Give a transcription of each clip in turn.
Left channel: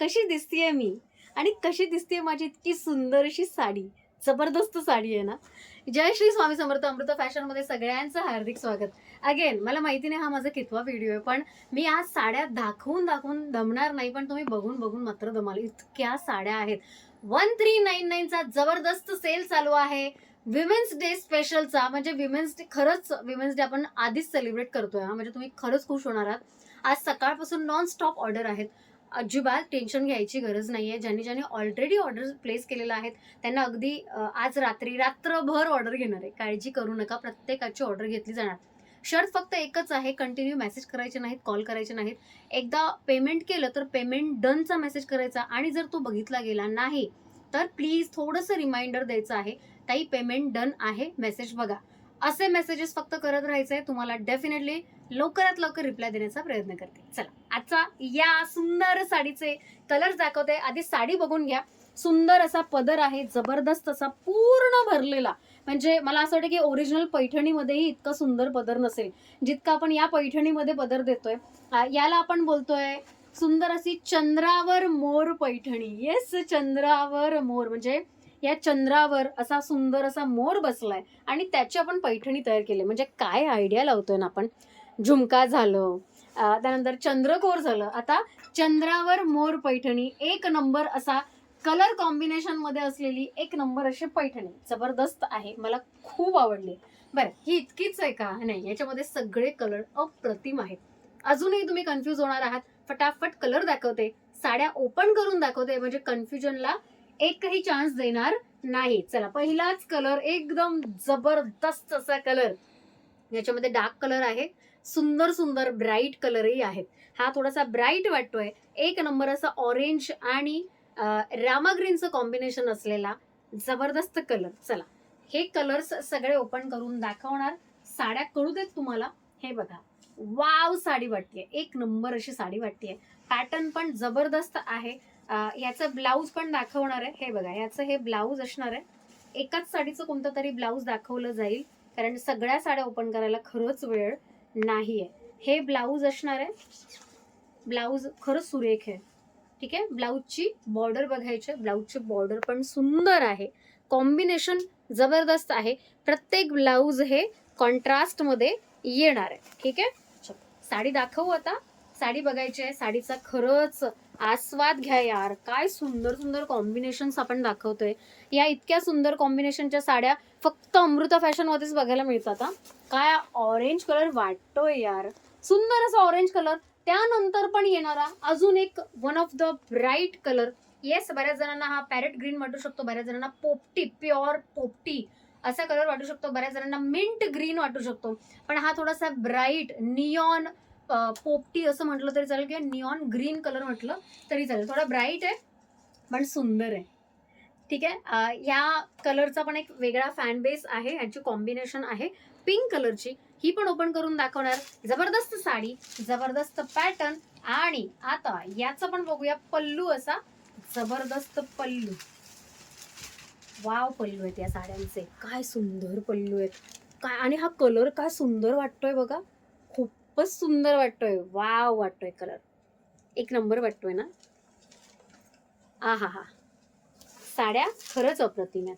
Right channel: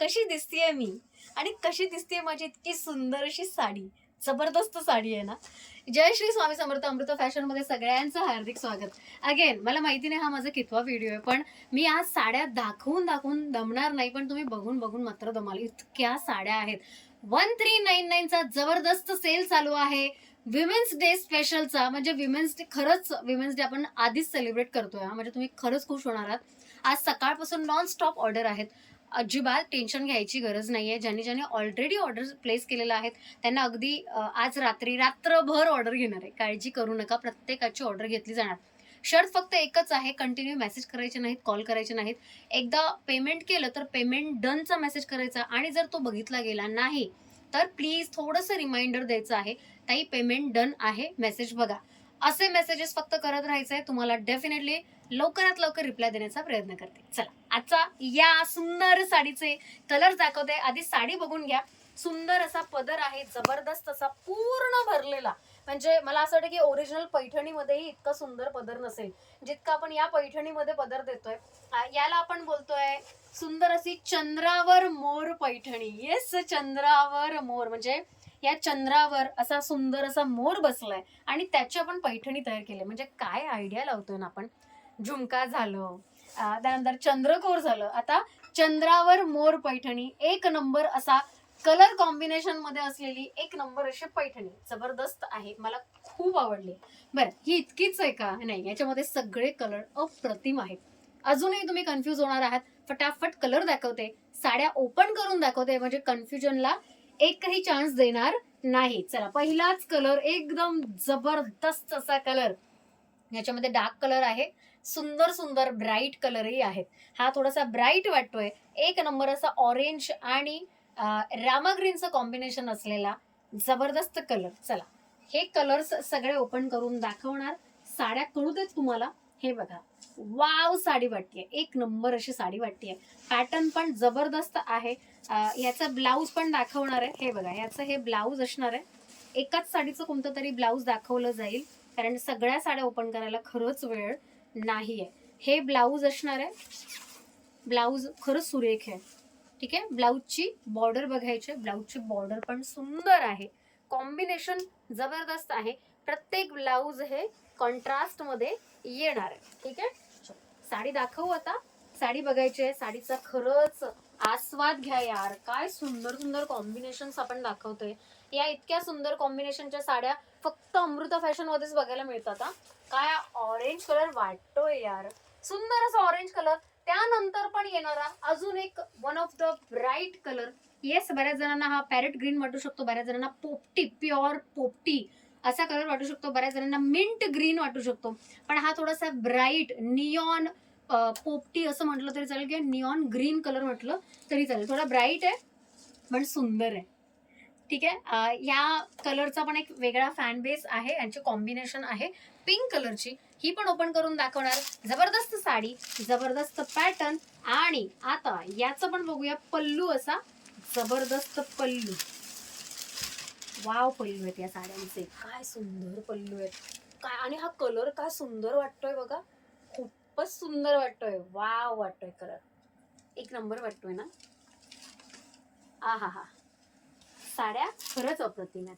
कशी दिसतेय मी आणि कशी दिसतेय माझी इतकी सुंदर अशी साडी. जबरदस्त साडी आहे ना. जय श्री स्वामी समर्थ. अमृता फॅशनमध्ये सगळ्यांचं हार्दिक स्वागत. अगेन मला माहिती नाही हा माझा कितवा व्हिडिओ आहे, पण मी आज साड्या दाखवून दाखवून दमणार नाही, पण तुम्ही बघून बघून मात्र दमाल. इतक्या साड्या आहेत. 1399चा जबरदस्त सेल चालू आहे. विमेन्स डे स्पेशलचा, म्हणजे विमेन्स डे, खरंच विमेन्स डे आपण आधीच सेलिब्रेट करतोय हा, म्हणजे तुम्ही खरंच खुश होणार आहात. आज सकाळपासून नॉन स्टॉप ऑर्डर आहेत. अजिबात टेन्शन घ्यायची गरज नाहीये. ज्यांनी ऑलरेडी ऑर्डर प्लेस केलेला आहेत त्यांना अगदी आज रात्रभर ऑर्डर घेणार आहे. काळजी करू नका, प्रत्येकाची ऑर्डर घेतली जाणार. शर्त फक्त एकच आहे, कंटिन्यू मेसेज करायचे नाहीत, कॉल करायचे नाहीत. एकदा पेमेंट केलं तर पेमेंट डनचा मेसेज करायचा, आणि जर तो बघितला गेला नाही तर प्लीज थोडंसं रिमाइंडर द्यायचं आहे, ताई पेमेंट डन आहे, मेसेज बघा. असे मेसेजेस फक्त करत राहायचंय. तुम्हाला डेफिनेटली लवकरात लवकर रिप्लाय देण्याचा प्रयत्न करते. चला, आजचा या सुंदर साडीचे कलर दाखवते. आधी साडी बघून घ्या. सुंदर असा पदर आहे, जबरदस्त असा पूर्ण भरलेला. म्हणजे मला असं वाटतं की ओरिजिनल पैठणीमध्येही इतका सुंदर पदर नसेल जितका आपण या पैठणीमध्ये पदर देतोय. याला आपण बोलतोय सुंदर अशी चंद्रावर मोर पैठणी. येस, चंद्रावर मोर, म्हणजे या चंद्रावर असा सुंदर असा मोर बसलाय आणि त्याची आपण पैठणी तयार केली. म्हणजे काय आयडिया लावतोय ना आपण. झुमका झालं, त्यानंतर चंद्रकोर झालं, आता चंद्रावर मोर पैठणी. एक नंबर असा कलर कॉम्बिनेशन मध्ये असलेली एक नंबर अशी पैठणी. जबरदस्त आहे, मला खूप आवडली. बरं, ही इतकीच आहे का? नाही, याच्यामध्ये सगळे कलर अप्रतिम आहेत. अजूनही तुम्ही कन्फ्यूज होणार आहात. फटाफट कलर दाखवते, साड्या ओपन करून दाखवते, म्हणजे कन्फ्युजनला एकही चान्स देणार नाही. चला, पहिलाच कलर एकदम जबरदस्त असा कलर. याच्यामध्ये डार्क कलर आहे, सुंदर सुंदर ब्राईट कलरही आहेत. हा थोडासा ब्राईट वाटतोय. एक नंबर असा ऑरेंज आणि रामा ग्रीनचं कॉम्बिनेशन असलेला जबरदस्त कलर. चला, हे कलर्स सगळे ओपन करून दाखवणार. साड्या कळू देत तुम्हाला. हे बघा, वाव साडी वाटतेय, एक नंबर अशी साडी वाटतेय. पॅटर्न पण जबरदस्त आहे. याचं ब्लाऊज पण दाखवणार आहे. हे बघा, याचं हे ब्लाऊज असणार आहे. एकाच साडीचं कोणतं तरी ब्लाऊज दाखवलं जाईल, कारण सगळ्या साड्या ओपन करायला खरंच वेळ नाहीये. हे ब्लाऊज असणार आहे. ब्लाऊज खरंच सुरेख आहे. ठीक आहे, ब्लाऊजची बॉर्डर बघायची. ब्लाऊजची बॉर्डर पण सुंदर आहे, कॉम्बिनेशन जबरदस्त आहे. प्रत्येक ब्लाऊज हे कॉन्ट्रास्ट मध्ये येणार आहे. ठीक आहे, साडी दाखवू आता. साडी बघायची आहे. साडीचा खरंच आस्वाद घ्या यार. काय सुंदर सुंदर कॉम्बिनेशन्स आपण दाखवतोय. या इतक्या सुंदर कॉम्बिनेशनच्या साड्या फक्त अमृता फॅशन मध्येच बघायला मिळतात. काय ऑरेंज कलर वाटतोय यार, सुंदर असा ऑरेंज कलर. त्यानंतर पण येणारा अजून एक one of the bright colour. Yes, बऱ्याच जणांना हा पॅरेट ग्रीन वाटू शकतो, बऱ्याच जणांना पोपटी, प्युअर पोपटी असा कलर वाटू शकतो, बऱ्याच जणांना मिंट ग्रीन वाटू शकतो. पण हा थोडासा ब्राईट नियॉन पोपटी असं म्हटलं तरी चालेल, किंवा नियॉन ग्रीन कलर म्हटलं तरी चालेल. थोडा ब्राईट आहे पण सुंदर आहे. ठीक आहे, या कलरचा पण एक वेगळा फॅन बेस आहे. यांची कॉम्बिनेशन आहे पिंक कलरची. ही पण ओपन करून दाखवणार. जबरदस्त साडी, जबरदस्त पॅटर्न. आणि आता याचा पण बघूया. पल्लू असा जबरदस्त पल्लू. वाव, पल्लू आहेत या साड्यांचे. काय सुंदर पल्लू आहेत. काय, आणि हा कलर काय सुंदर वाटतोय बघा. खूपच सुंदर वाटतोय. वाव वाटतोय कलर, एक नंबर वाटतोय ना. हा, साड्या खरंच अप्रतिम आहेत.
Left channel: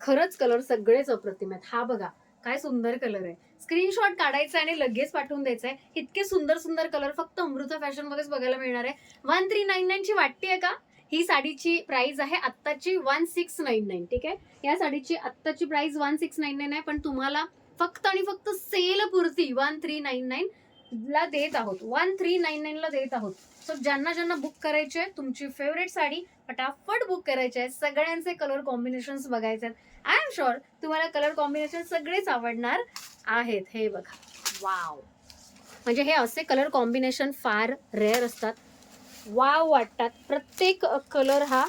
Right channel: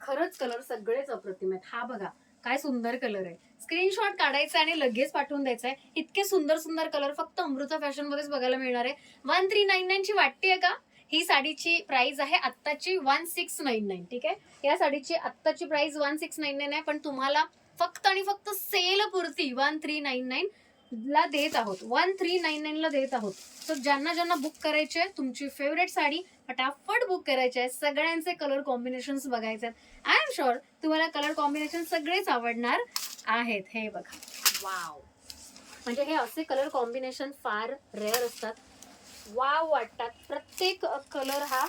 खरंच कलर सगळेच अप्रतिम आहेत. हा बघा, काय सुंदर कलर आहे. स्क्रीनशॉट काढायचा आणि लगेच पाठवून द्यायचा आहे. इतके सुंदर सुंदर कलर फक्त अमृता फॅशन मध्येच बघायला मिळणार आहे. 1399 ची वाटतेय का? ही साडीची प्राइस आहे आत्ताची 1699. ठीक आहे, या साडीची आत्ताची प्राइस 1699 आहे, पण तुम्हाला फक्त आणि फक्त सेल पुरती 1399 ला देत आहोत. 1399 ला देत आहोत. तर ज्यांना बुक करायचे, तुमची फेवरेट साडी फटाफट बुक करायची आहे. सगळ्यांचे कलर कॉम्बिनेशन बघायचे आहेत. आय एम शुअर तुम्हाला कलर कॉम्बिनेशन सगळेच आवडणार आहेत. हे बघा, वाव, म्हणजे हे असे कलर कॉम्बिनेशन फार रेअर असतात. वाव वाटतात. प्रत्येक कलर हा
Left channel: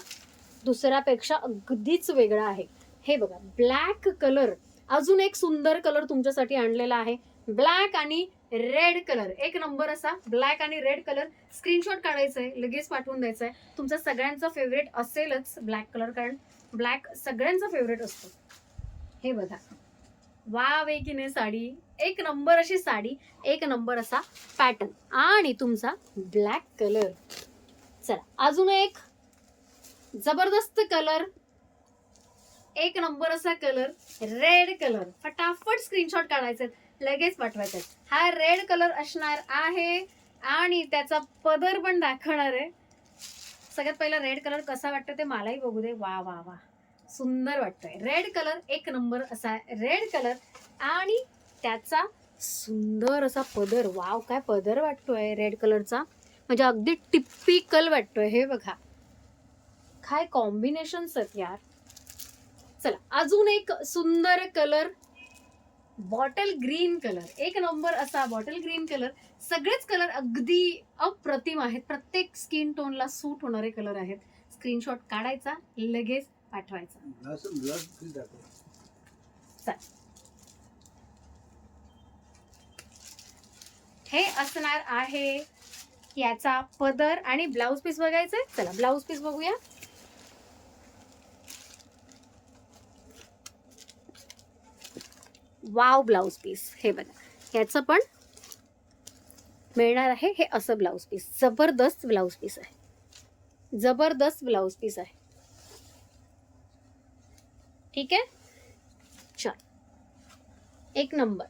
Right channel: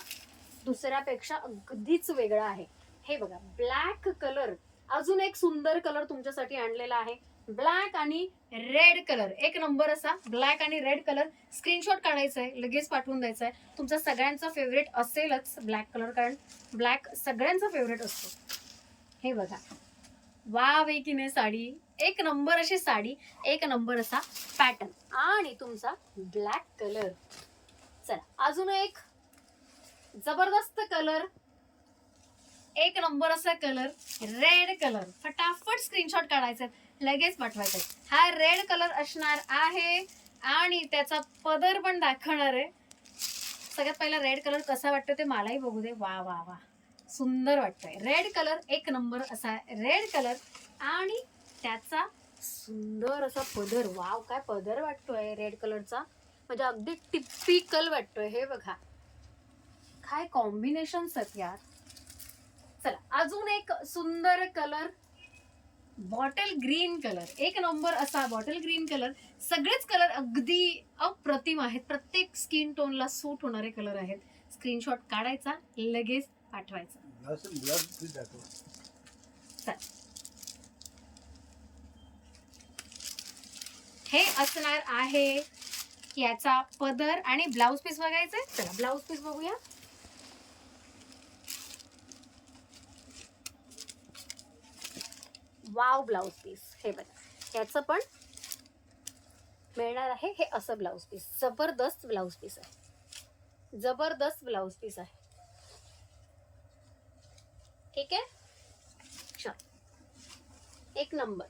दुसऱ्यापेक्षा अगदीच वेगळा आहे. हे बघा, ब्लॅक कलर. अजून एक सुंदर कलर तुमच्यासाठी आणलेला आहे. ब्लॅक आणि रेड कलर. एक नंबर असा ब्लॅक आणि रेड कलर. स्क्रीनशॉट काढायचा आहे, लगेच पाठवून द्यायचा आहे. तुमचा सगळ्यांचा फेवरेट असेलच ब्लॅक कलर, कारण ब्लॅक सगळ्यांचा फेवरेट असतो. हे बघा, वाव आहे की नाही साडी. एक नंबर अशी साडी, एक नंबर असा पॅटर्न आणि तुमचा ब्लॅक कलर. चला अजून एक जबरदस्त कलर, एक नंबर असा कलर, रेड कलर. फटाफट स्क्रीनशॉट काढायचे, लगेच पाठवायचे. हा रेड कलर असणार आहे आणि त्याचा पदर पण दाखवणार आहे. सगळ्यात पहिला रेड कलर कसा वाटतो ते मलाही बघू दे. वा वा वा, सुंदर वाटतंय. रेड कलर एक नंबर असा रेड कलर आणि त्याचा सुंदर असा पदर. वाव, काय पदर वाटतोय रेड कलरचा, म्हणजे अगदी टिपिकल वाटतोय. हे बघा काय कॉम्बिनेशन्स आहेत यार. चला अजून एक सुंदर कलर, बॉटल ग्रीन कलर. एक नंबर असा बॉटल ग्रीन कलर. सगळेच कलर अगदी अप्रतिम आहेत, प्रत्येक स्किन टोनला सूट होणारे कलर आहेत. स्क्रीनशॉट काढायचा, लगेच पाठवायचा. हे असणार आहे याचा पदर आणि ब्लाउज पीस बघायचे. चला ब्लाउज पीस बघूया. वाव, ब्लाउज पीस हे बघा, याचं पण मिळणार आहे. हे असं ब्लाउज पीस, जबरदस्त ब्लाउज पीस आहे, जबरदस्त ब्लाउज पीस आहे. ठीक आहे, चल एक नंबर.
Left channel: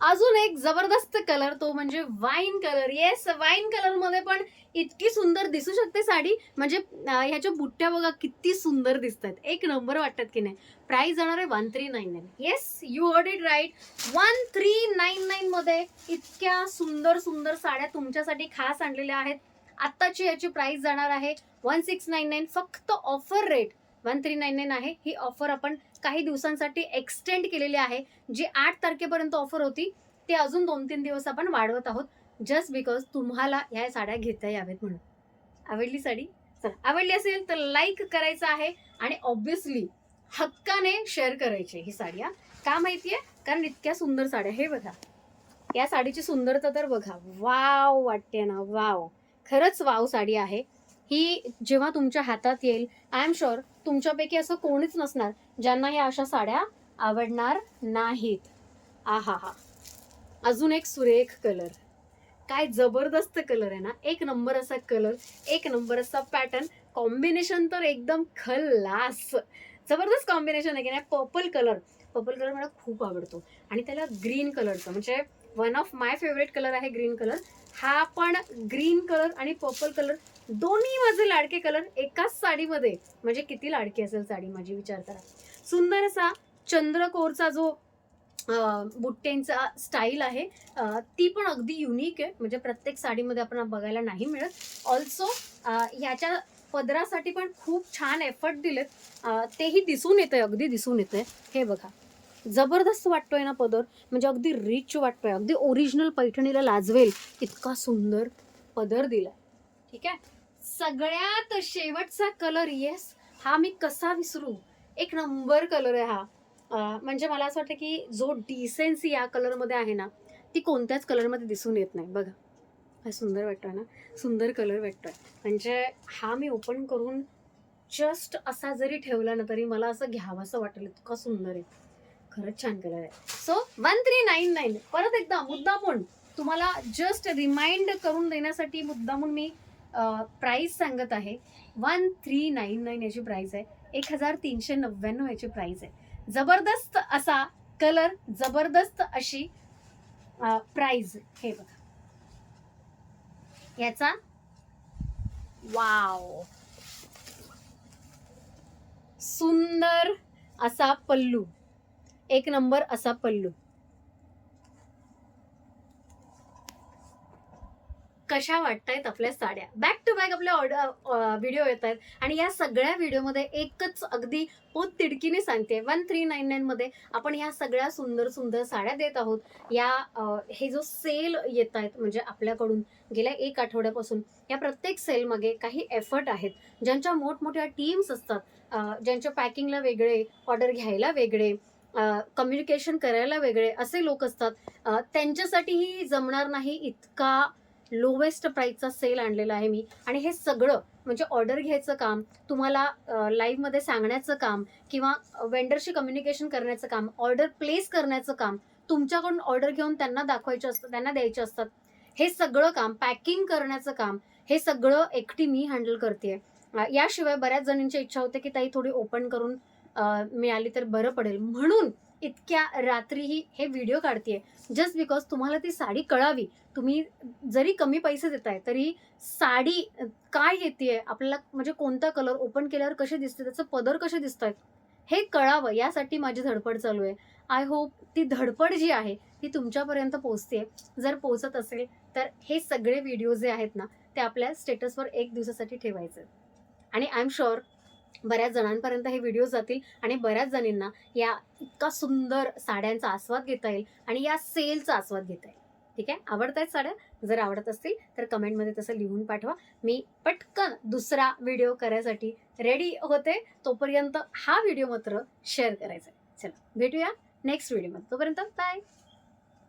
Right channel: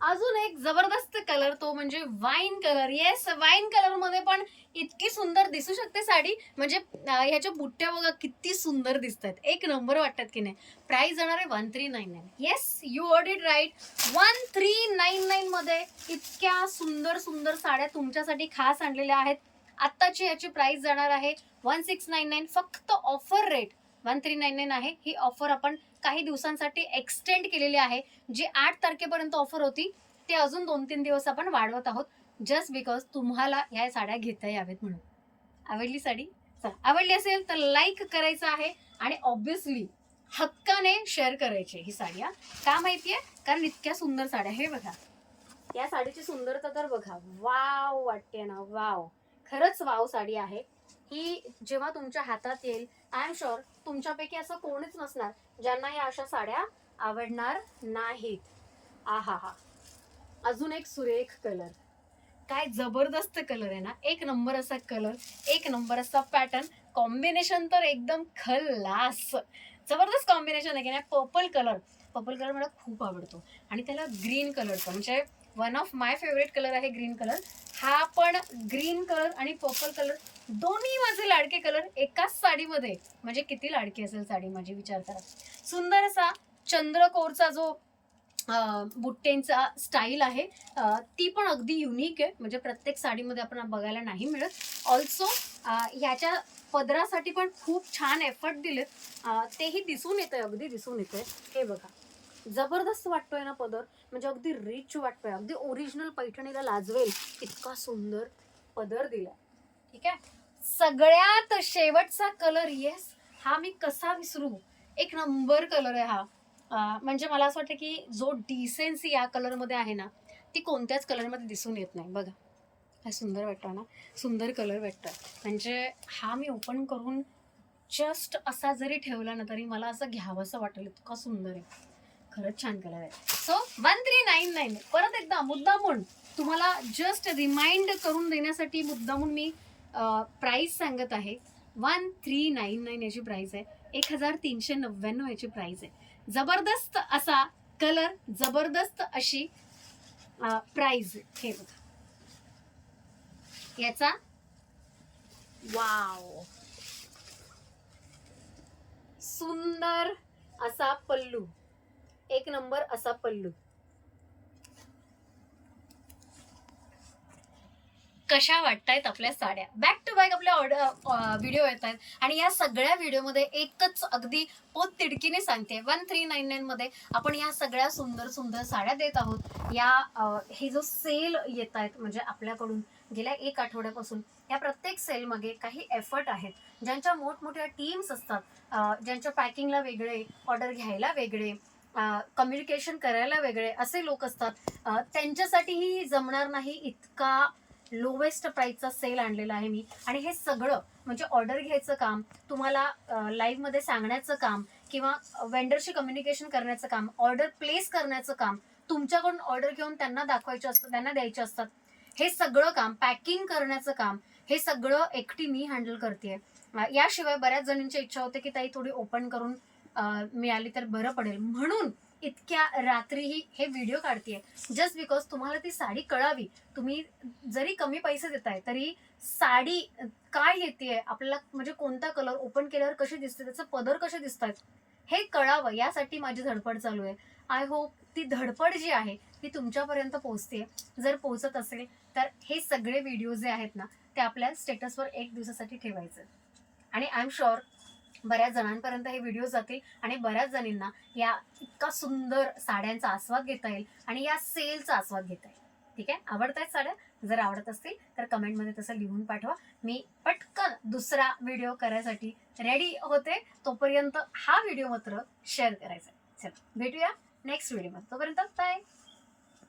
अजून एक जबरदस्त कलर, तो म्हणजे wine colour. Yes, wine colour मध्ये पण इतकी सुंदर दिसू शकते साडी. म्हणजे ह्याच्या बुट्ट्या बघा किती सुंदर दिसत आहेत, एक नंबर वाटतात की नाही. प्राइस जाणार आहे 1399. Yes, you heard it right, 1399 मध्ये इतक्या सुंदर सुंदर साड्या तुमच्यासाठी खास आणलेल्या आहेत. आत्ताची याची प्राइस जाणार आहे 1699. फक्त ऑफर रेट 1399 आहे. ही ऑफर आपण काही दिवसांसाठी एक्सटेंड केलेली आहे. जी 8 तारखेपर्यंत ऑफर होती ते अजून 2-3 दिवस आपण वाढवत आहोत, जस्ट बिकॉज तुम्हाला ह्या साड्या घेता यावेत म्हणून. आवडली साडी? चला, आवडली असेल तर लाईक करायचं आहे आणि ऑब्विसली हक्काने शेअर करायची ही साडी. का माहितीये? कारण इतक्या सुंदर साड्या. हे बघा, या साडीची सुंदरता तर बघा, वाव वाटते ना, वाव, खरंच वाव साडी आहे ही. जेव्हा तुमच्या हातात येईल, आय एम शुअर तुमच्यापैकी असं कोणीच नसणार ज्यांना या अशा साड्या आवडणार नाहीत. आहा हा, अजून एक सुरेख कलर. काय जबरदस्त कलर आहे ना, एक नंबर असा कलर, एक नंबर असा पॅटर्न. कॉम्बिनेशन तर एकदम खल्लास, जबरदस्त कॉम्बिनेशन आहे की नाही. पर्पल कलर, पर्पल कलर मला खूप आवडतो आणि त्याला ग्रीन कलरचं म्हणजे one of my favourite colour आहे ग्रीन कलर. हा पण ग्रीन कलर आणि पर्पल कलर दोन्ही माझे लाडके कलर एकाच साडीमध्ये, म्हणजे किती लाडकी असेल साडी माझी, विचार करा. सुंदर असा चंद्रकोरचा जो बुट्टेंचा स्टाईल आहे, ती पण अगदी युनिक आहे, म्हणजे प्रत्येक साडीमध्ये आपण बघायला नाही मिळत. ऑल्सो ह्याच्या पदरासाठी पण खूप छान एफर्ट दिलेत, तेही दिसून येतंय, अगदी दिसून येतंय. हे बघा, जबरदस्त वाटतोय ना पदर, म्हणजे अगदी रिच वाटतोय, अगदी ओरिजिनल पैठणीला लाजवेल इतका सुंदर पदर दिलाय. ठीक आहे, सगळ्यात शेवटचा कलर. येस, हा मी कसा विसरू, एक नंबर कलर आहे हा. म्हणजे मला असं वाटतं की जो डिसेन्सी या कलरमध्ये आहे ना, ती कोणत्याच कलरमध्ये दिसून येत नाही. बघा काय सुंदर वाटतं ना, सुंदर कलर वाटतं. म्हणजे हा मी ओपन करून जस्ट असा जरी ठेवला ना तरी मला असं घ्यावं असं वाटेल, इतका सुंदर आहे. खरंच छान कलर आहे. सो 1399. परत एकदा मुद्दामून तुम्हाला जस्ट रिमाइंड करून देण्यासाठी मुद्दामून मी प्राइस सांगत आहे. 1399 याची प्राइस आहे, 1399 याची प्राइस आहे. जबरदस्त असा कलर, जबरदस्त अशी प्राइस. हे बघा याचा, वाव, सुंदर असा पल्लू, एक नंबर असा पल्लू. कशा वाटतायत आपल्या साड्या? बॅक टू बॅक आपल्या व्हिडिओ येत आहेत आणि या सगळ्या व्हिडिओमध्ये एकच अगदी पोत तिडकीने सांगते, 1399 मध्ये आपण या सगळ्या सुंदर सुंदर साड्या देत आहोत. या हे जो सेल येत आहेत, म्हणजे आपल्याकडून गेल्या 1 आठवड्यापासून या प्रत्येक सेलमध्ये काही एफर्ट आहेत. ज्यांच्या मोठमोठ्या टीम्स असतात, ज्यांच्या पॅकिंगला वेगळे, ऑर्डर घ्यायला वेगळे, कम्युनिकेशन करायला वेगळे असे लोक असतात, त्यांच्यासाठीही जमणार नाही इतका लोवेस्ट प्राईसचा सेल आणलेला आहे मी. आणि हे सगळं म्हणजे ऑर्डर घ्यायचं काम, तुम्हाला लाईव्हमध्ये सांगण्याचं काम, किंवा वेंडरशी कम्युनिकेशन करण्याचं काम, ऑर्डर प्लेस करण्याचं काम, तुमच्याकडून ऑर्डर घेऊन त्यांना दाखवायचे असतं, त्यांना द्यायचे असतात. हे सगळं काम, पॅकिंग करण्याचं काम, हे सगळं एकटी मी हँडल करते. याशिवाय बऱ्याच जणींची इच्छा होते की ताई थोडी ओपन करून मिळाली तर बरं पडेल, म्हणून इतक्या रात्रीही हे व्हिडिओ काढतेय. जस्ट बिकॉज तुम्हाला ती साडी कळावी. तुम्ही जरी कमी पैसे देताय तरी साडी काय येते आपल्याला, म्हणजे कोणता कलर, ओपन केल्यावर कशी दिसते, त्याचं पदर कसे दिसत आहेत हे कळावं, यासाठी माझी धडपड चालू आहे. आय होप ती धडपड जी आहे ती तुमच्यापर्यंत पोहोचते. जर पोहोचत असेल तर हे सगळे व्हिडिओ जे आहेत ना ते आपल्या स्टेटसवर 1 दिवसासाठी ठेवायचं, आणि आय एम शुअर बऱ्याच जणांपर्यंत हे व्हिडिओ जातील आणि बऱ्याच जणींना या इतका सुंदर साड्यांचा आस्वाद घेता येईल आणि या सेलचा आस्वाद घेता येईल. ठीक आहे, आवडत आहेत साड्या? जर आवडत असतील तर कमेंटमध्ये तसं लिहून पाठवा. मी पटकन दुसरा व्हिडिओ करायसाठी रेडी होते. तोपर्यंत हा व्हिडिओ मात्र शेअर करायचा. चला भेटूया नेक्स्ट व्हिडिओमध्ये. तोपर्यंत बाय.